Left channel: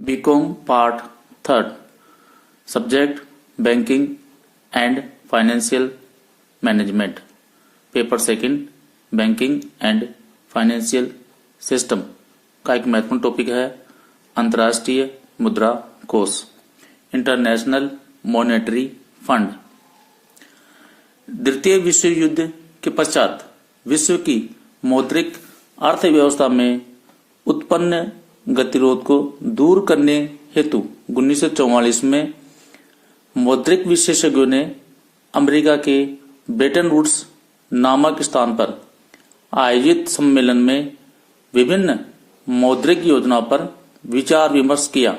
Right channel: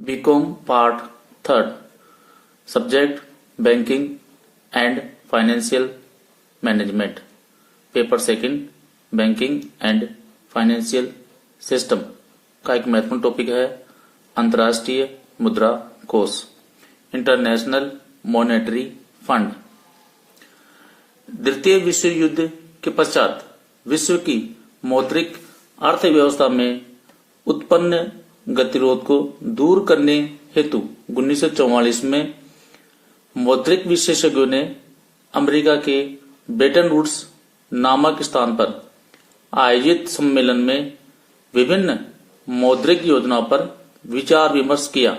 BCom part third subject banking and financial management paper second banking and financial system का एक महत्वपूर्ण topic है अंतर्राष्ट्रीय मुद्रा कोष इंटरनेशनल मॉनेटरी फंड। द्वितीय विश्व युद्ध के पश्चात विश्व की मौद्रिक अर्थव्यवस्था में उत्पन्न गतिरोध को दूर करने हेतु 1944 में मौद्रिक विशेषज्ञों ने अमेरिका के ब्रेटन वुड्स नामक स्थान पर आयोजित सम्मेलन में विभिन्न मौद्रिक योजनाओं पर विचार विमर्श किया।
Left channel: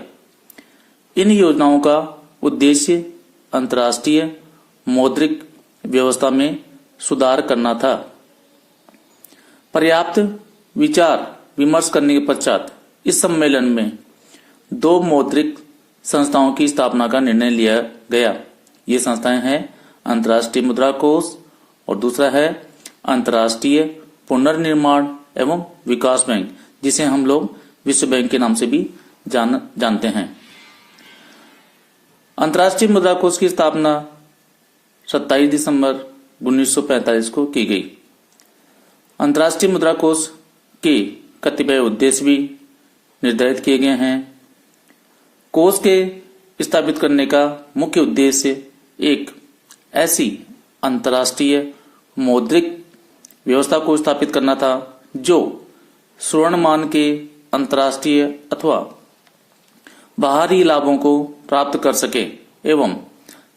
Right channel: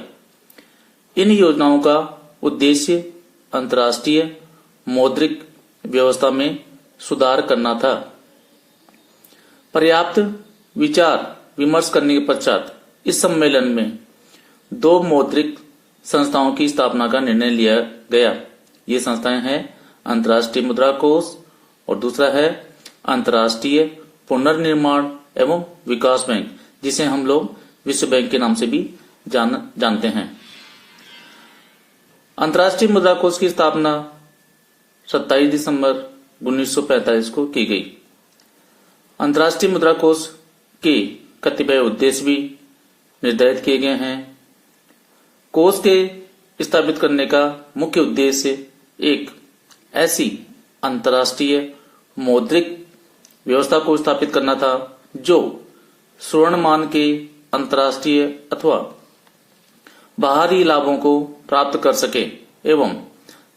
इन योजनाओं का उद्देश्य अंतर्राष्ट्रीय मौद्रिक व्यवस्था में सुधार करना था। पर्याप्त विचार विमर्श करने के पश्चात इस सम्मेलन में दो मौद्रिक संस्थाओं की स्थापना का निर्णय लिया गया। ये संस्थाएं हैं अंतर्राष्ट्रीय मुद्रा कोष और दूसरा है अंतर्राष्ट्रीय पुनर्निर्माण एवं विकास बैंक, जिसे हम लोग विश्व बैंक के नाम से भी जानते हैं। अंतर्राष्ट्रीय मुद्रा कोष की स्थापना 27 दिसंबर 1945 को की गई। अंतर्राष्ट्रीय मुद्रा कोष के कतिपय उद्देश्य भी निर्धारित किए गए हैं। कोष के स्थापित करने का मुख्य उद्देश्य एक ऐसी अंतर्राष्ट्रीय मौद्रिक व्यवस्था को स्थापित करना था जो स्वर्णमान के अंतर्राष्ट्रीय अथवा बाहरी लाभों को प्राप्त कर सके एवं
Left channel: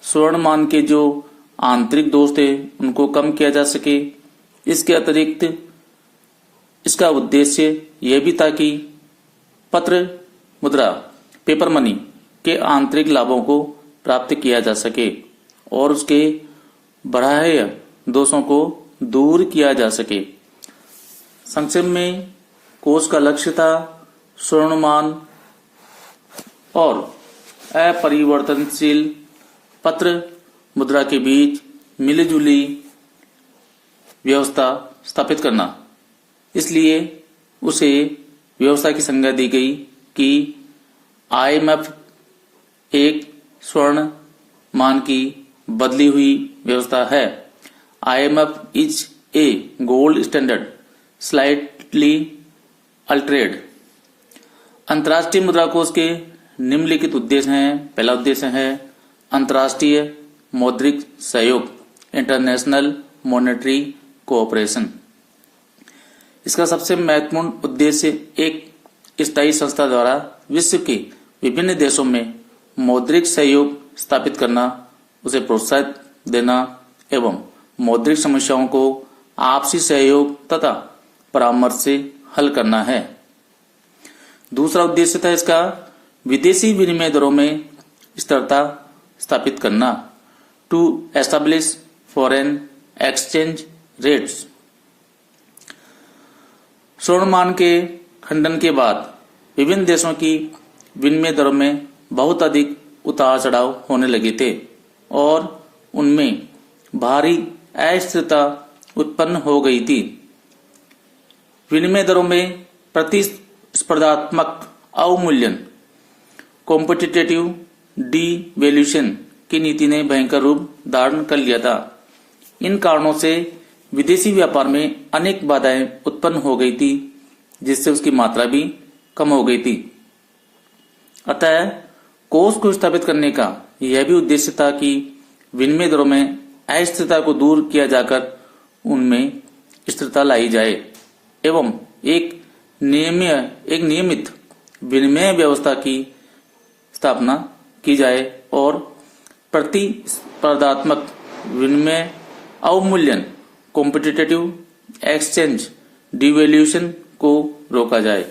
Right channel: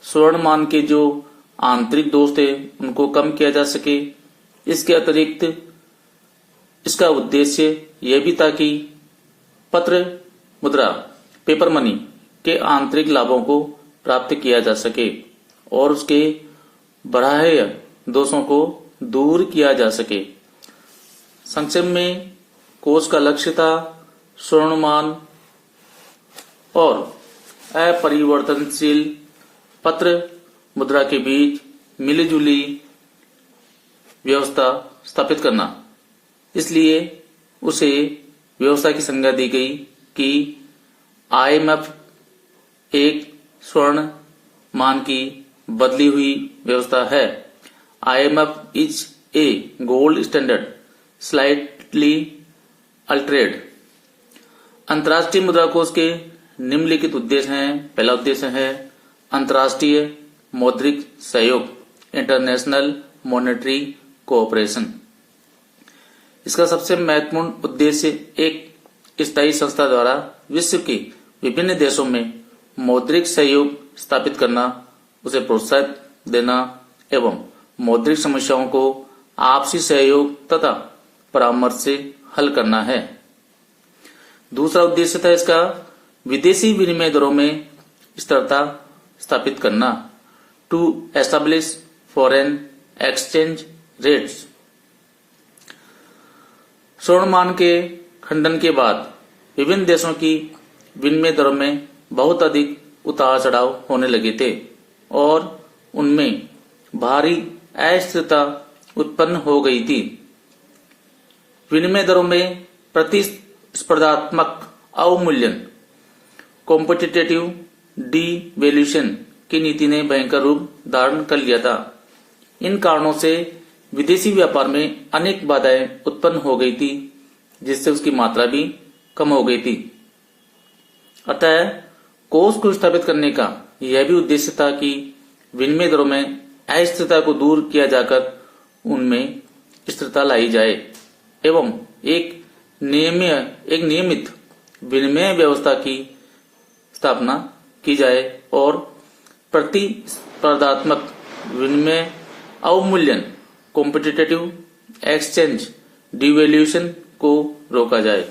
स्वर्णमान के जो आंतरिक दोष थे उनको कम किया जा सके। इसके अतिरिक्त इसका उद्देश्य यह भी था कि पत्र मुद्रा पेपर मनी के आंतरिक लाभों को प्राप्त किया जा सके और उसके बढ़ाए दोषों को दूर किया जा सके। संक्षेप में कोष का लक्ष्य था स्वर्णमान और अपरिवर्तनशील पत्र मुद्रा के बीच मिलीजुली व्यवस्था स्थापित करना। इसलिए उसे व्यवस्था की संज्ञा दी गई कि आईएमएफ एक स्वर्ण मान की बदली हुई व्यवस्था है। IMF is a gold standard slightly altered. अंतर्राष्ट्रीय मुद्रा कोष के निम्नलिखित उद्देश्य हैं। पहला उद्देश्य है अंतर्राष्ट्रीय मौद्रिक सहयोग इंटरनेशनल मॉनेटरी कोऑपरेशन। इसका सबसे महत्वपूर्ण उद्देश्य एक स्थायी संस्था द्वारा विश्व के विभिन्न देशों में मौद्रिक सहयोग स्थापित करना, उसे प्रोत्साहित देना एवं मौद्रिक समस्याओं को आपसी सहयोग तथा परामर्श से हल करना है। दूसरा उद्देश्य था इसका विदेशी विनिमय दरों में स्थिरता स्थापित करना, to establish foreign exchange rates. स्वर्णमान के खंडन के बाद विभिन्न देशों की विनिमय दरों में बहुत अधिक उतार चढ़ाव होने लगे थे और उनमें भारी अस्थिरता उत्पन्न हो गई थी। विनिमय दरों में प्रतिस्पर्धात्मक अवमूल्यन कॉम्पिटिटिव डीवैल्यूएशन की नीति ने भयंकर रूप धारण कर लिया था। इन कारणों से विदेशी व्यापार में अनेक बाधाएं उत्पन्न हो गई थी, जिससे उसकी मात्रा भी कम हो गई थी। अतः कोष को स्थापित करने का यह भी उद्देश्य था कि विनिमय दरों में अस्थिरता को दूर किया जाकर उनमें स्थिरता लाई जाए एवं एक नियमित विनिमय व्यवस्था की स्थापना की जाए और प्रतिस्पर्धात्मक विनिमय अवमूल्यन कॉम्पिटिटिव एक्सचेंज डिवैल्यूएशन को रोका जाए।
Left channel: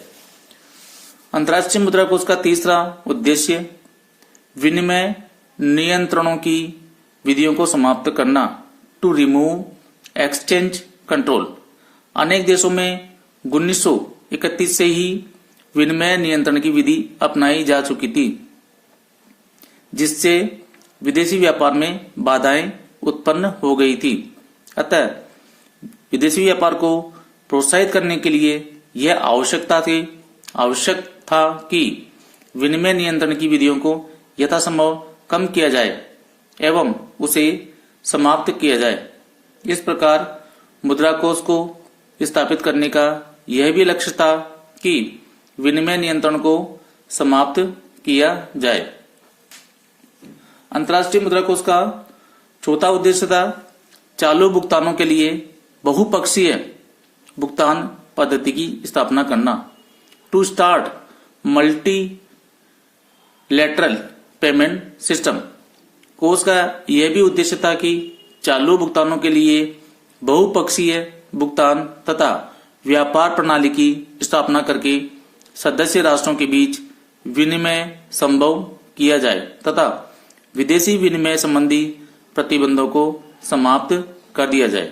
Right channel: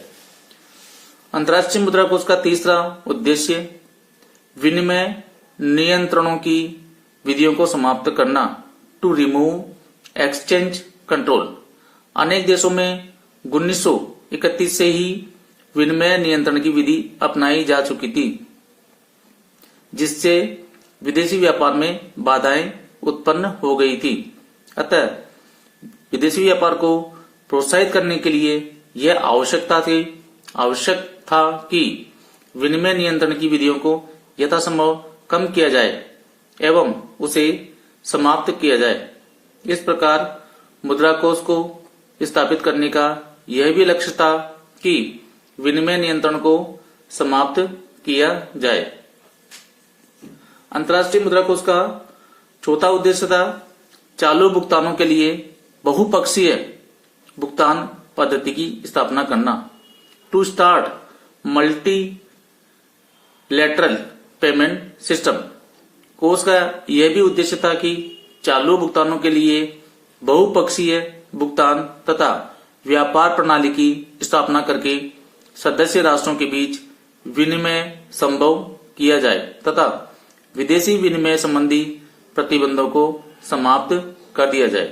अंतर्राष्ट्रीय मुद्रा कोष का तीसरा उद्देश्य विनिमय नियंत्रणों की विधियों को समाप्त करना, टू रिमूव एक्सचेंज कंट्रोल। अनेक देशों में 1931 से ही विनिमय नियंत्रण की विधि अपनाई जा चुकी थी, जिससे विदेशी व्यापार में बाधाएं उत्पन्न हो गई थी। अतः विदेशी व्यापार को प्रोत्साहित करने के लिए यह आवश्यक था कि विनिमय नियंत्रण की विधियों को यथासंभव कम किया जाए एवं उसे समाप्त किया जाए। इस प्रकार मुद्रा कोष को स्थापित करने का यह भी लक्ष्य था कि विनिमय नियंत्रण को समाप्त किया जाए। अंतर्राष्ट्रीय मुद्रा कोष का चौथा उद्देश्य था चालू भुगतानों के लिए बहुपक्षीय भुगतान पद्धति की स्थापना करना। To start multilateral payment system. कोष का यह भी उद्देश्य था कि चालू भुगतानों के लिए बहुपक्षीय भुगतान तथा व्यापार प्रणाली की स्थापना करके सदस्य राष्ट्रों के बीच विनिमय संभव किया जाए तथा विदेशी विनिमय संबंधी प्रतिबंधों को समाप्त कर दिया जाए।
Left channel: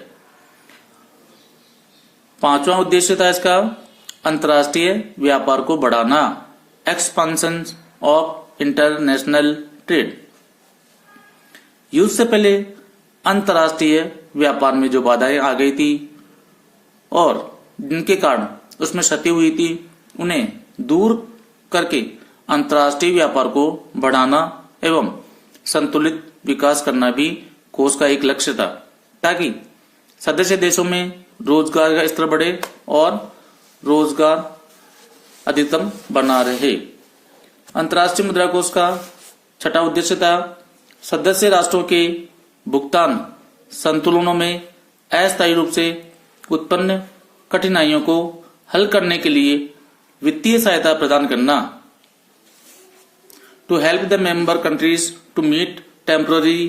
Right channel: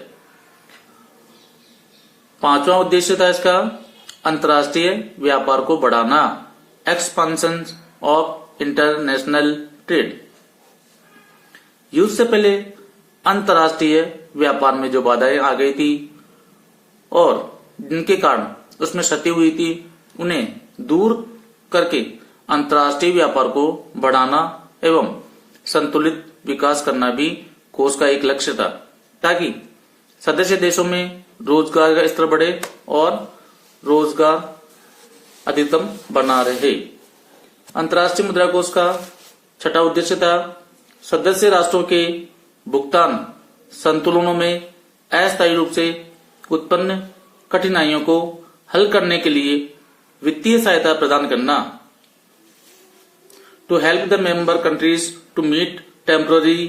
पांचवा उद्देश्य था इसका अंतर्राष्ट्रीय व्यापार को बढ़ाना, एक्सपेंशन ऑफ इंटरनेशनल ट्रेड। युद्ध से पहले अंतर्राष्ट्रीय व्यापार में जो बाधाएं आ गई थी और जिनके कारण उसमें क्षति हुई थी, उन्हें दूर करके अंतर्राष्ट्रीय व्यापार को बढ़ाना एवं संतुलित विकास करना भी कोष का एक लक्ष्य था, ताकि सदस्य देशों में रोजगार का स्तर बढ़े और रोजगार अधिकतम बना रहे। अंतर्राष्ट्रीय मुद्रा कोष का छठा उद्देश्य था सदस्य राष्ट्रों के भुगतान संतुलनों में अस्थायी रूप से उत्पन्न कठिनाइयों को हल करने के लिए वित्तीय सहायता प्रदान करना। To help the member countries to meet temporary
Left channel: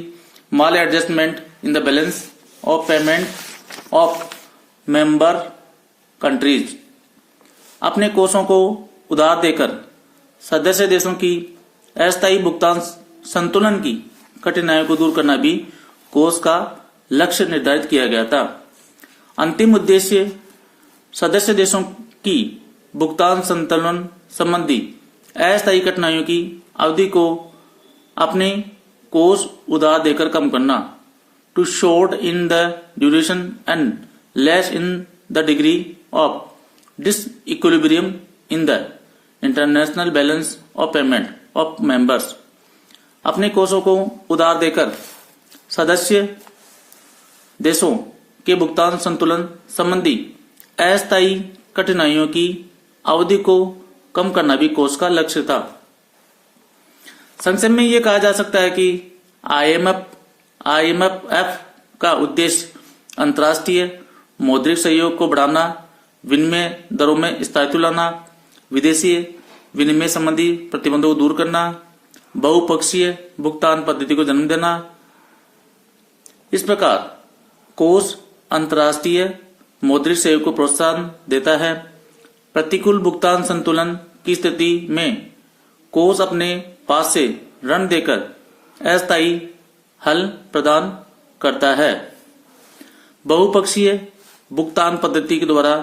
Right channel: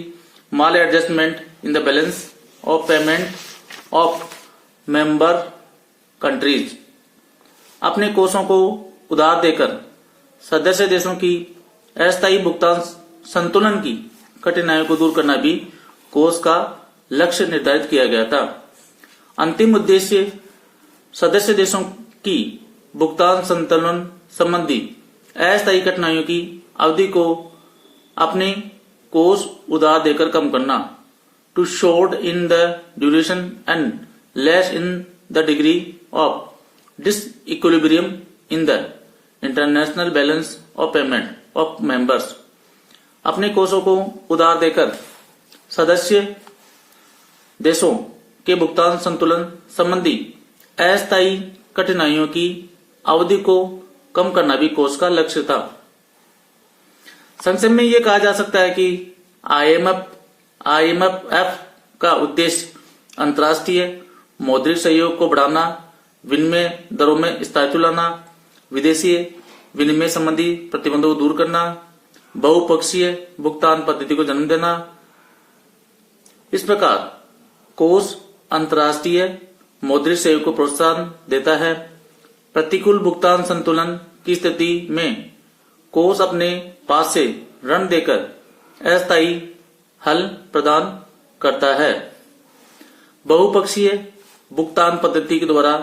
maladjustment in the balance of payment of member countries. अपने कोषों को उधार देकर सदस्य देशों की अस्थायी भुगतान संतुलन की कठिनाइयों को दूर करना भी कोष का लक्ष्य निर्धारित किया गया था। अंतिम उद्देश्य सदस्य देशों की भुगतान संतुलन संबंधी अस्थायी कठिनाइयों की अवधि को अपने कोष उधार देकर कम करना। To shorten the duration and lessen the degree of disequilibrium in the international balance of payment of members. अपने कोषों को उधार देकर सदस्य देशों के भुगतान संतुलन संबंधी अस्थायी कठिनाइयों की अवधि को कम करना भी कोष का लक्ष्य था। संक्षेप में यह कहा जा सकता है कि आईएमएफ का उद्देश्य अंतर्राष्ट्रीय मौद्रिक सहयोग को बढ़ाना, विनिमय दरों में स्थायित्व लाना, विदेशी विनिमय संबंधी प्रतिबंधों को दूर करना, बहुपक्षीय भुगतान पद्धति को जन्म देना। इस प्रकार कोष अंतर्राष्ट्रीय मौद्रिक सहयोग को प्रोत्साहन देता है। प्रतिकूल भुगतान संतुलन की स्थिति में कोष अपने पास से ऋण देकर अस्थायी हल प्रदान करता है। बहुपक्षीय भुगतान पद्धति के द्वारा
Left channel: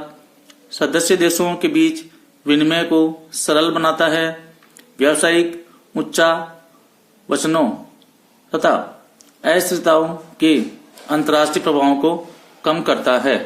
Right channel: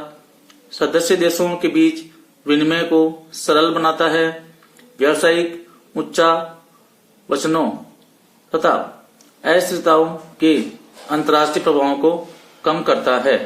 सदस्य देशों के बीच विनिमय को सरल बनाता है, व्यावसायिक उच्चावचनों तथा अस्थिरताओं के अंतर्राष्ट्रीय प्रभावों को कम करता है।